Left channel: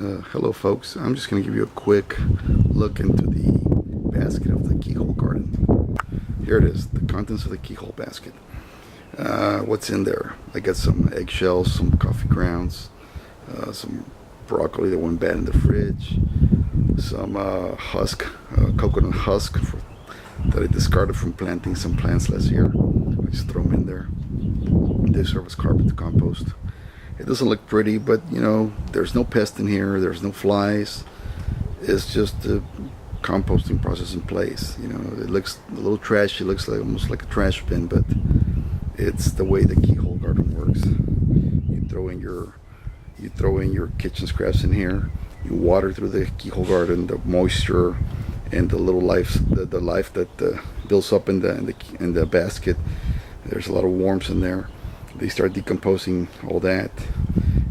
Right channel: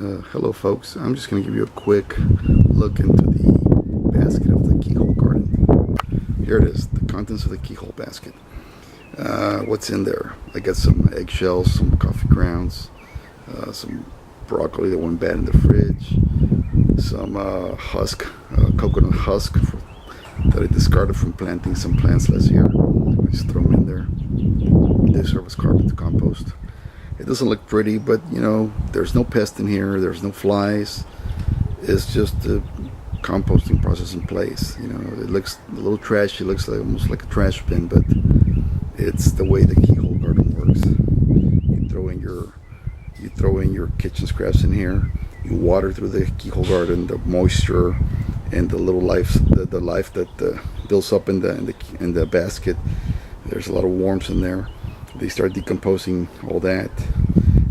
Hello folks, I'm just going to give you a quick look into the basket of the Keyhole Garden. Here it is, the contents of the Keyhole basket. What's in there? I got some eggshells, some coffee grounds, some broccoli that went bad in the fridge, some coconut husk that I discarded from planting some plants last year. I just throw them in there. They serve as carbon to compost. It doesn't look pretty, but you know, there's no pest in here, there's no flies. It's just the composting process in place. You know, it looks a little trashy, it looks like almost like a trash bin, but it's the way the Keyhole Garden works. You throw in your kitchen scraps in here, you water through the Keyhole Garden, the moisture and the little life, the life that builds up in the basket. There's a lot of warmth in there. They start decomposing all that,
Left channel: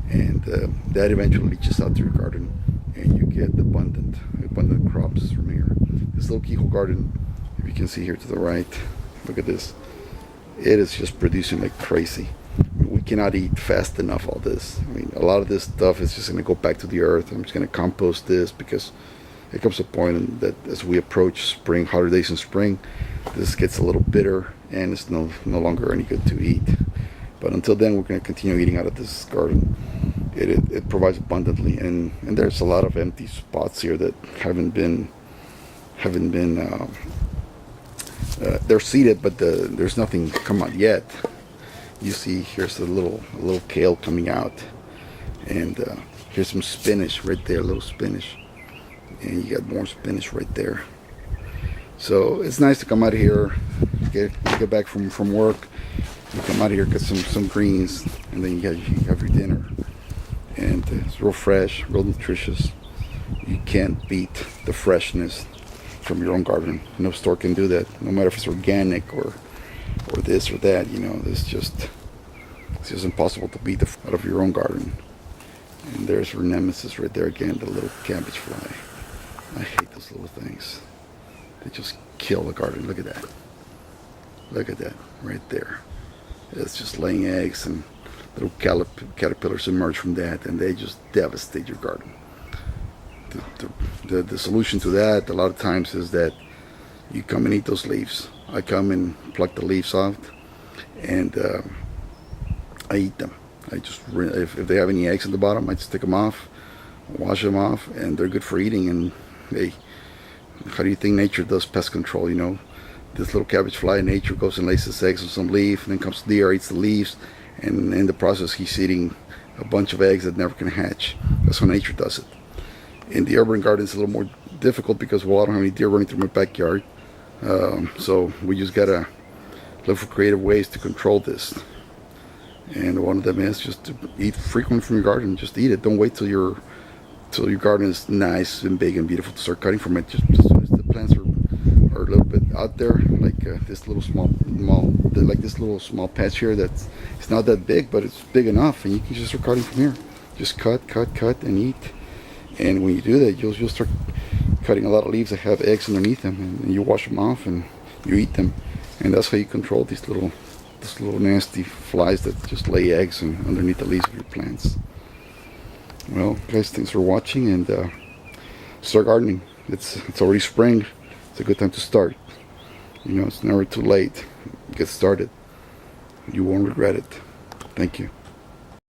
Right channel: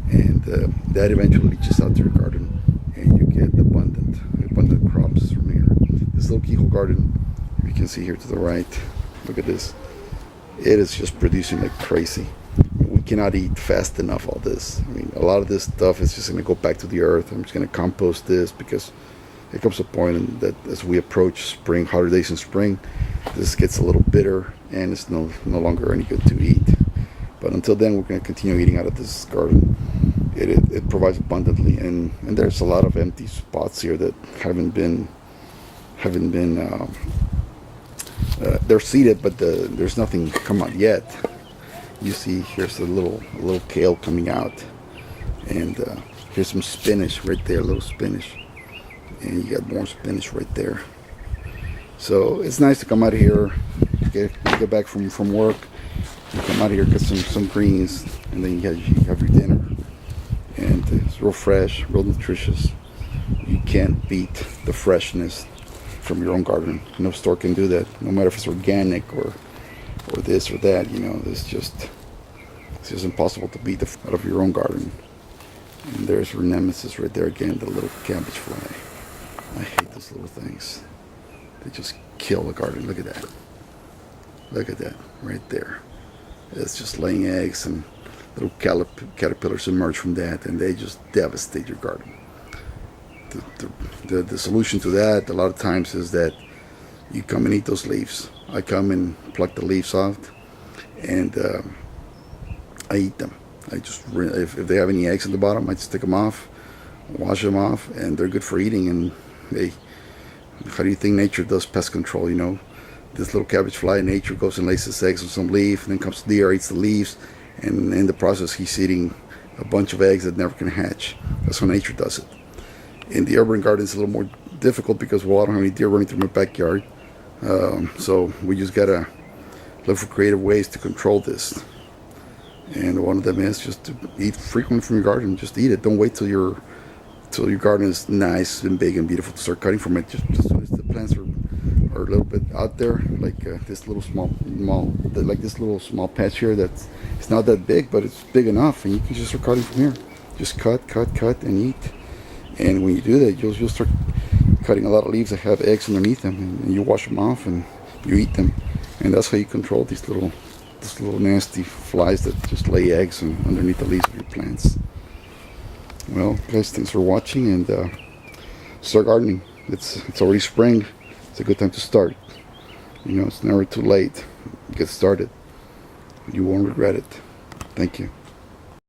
and that eventually leaches out to your garden, and you get abundant crops from here. This little Keyhole Garden, if you can see here to the right, look at this. It is just producing like crazy. I mean, we cannot eat fast enough all this. I mean, a lot of this stuff is just going to go back to the earth. I'm just going to compost this because it comes to a point that as we approach spring, hotter days in spring, this gets a little bitter and it's no longer any good to eat. But until then, we're going to continue eating out of this garden. It provides abundantly, and there's a lot of empty spots here that haven't been they're seeded, but there's nothing come out yet. You see, here's a little kale coming out, and here's some spinach right there, a little spinach, and you got more spinach right there. So it's nice to come out here, get back from work. You come out here, get some greens, and then you have your dinner. And it's real fresh, real nutritious. You can't beat the freshness from your own garden. No store can do that, no matter if it's organic or this or that. You know, it's just impossible to beat out of your own garden. And there's your nemesis right there again, the little cabbage fly. I hate those little things. They just kill the garden. Look at that. Look at that right there. It's just laying eggs, and little caterpillars emerge from that, and they just devastate your garden. The solution to that a lot of times is that you come and eat those leaves. I come and pluck the leaves off, and I eat them. If they have any eggs at the bottom, I just take them off, wash them off, and they're good for eating. And how do you think nature does pest control? You know, this little cabbage fly in nature goes and lays its eggs on some leaf, and then comes to the air, eats the leaves, and in the process he's eating a bunch of eggs that never can hatch. That's how nature does it. In the urban garden, it's a little more difficult because, well, I don't have any deer running through my backyard, so we just gotta look for creative ways to control this. And one of them is just to eat frequently from your garden. Just eat it. Don't wait till your garden is nice and big and beautiful to start cutting from it. Just as soon as the plants are a little bit out there, like this little small patch here that's it's not that big, but it's big enough, and you can just start cutting from here. Just cut and eat. And when you do that, you'll start cutting a lot of leaves that have eggs underneath them, and you wash them off and you eat them. And that's how you control these little nasty flies that just lay eggs underneath the leaves of your plants. Well, guys, thanks for watching, and start gardening. It's already spring. It's a good time to start. You know, it's never too late. Get started. You won't regret it. Thank you.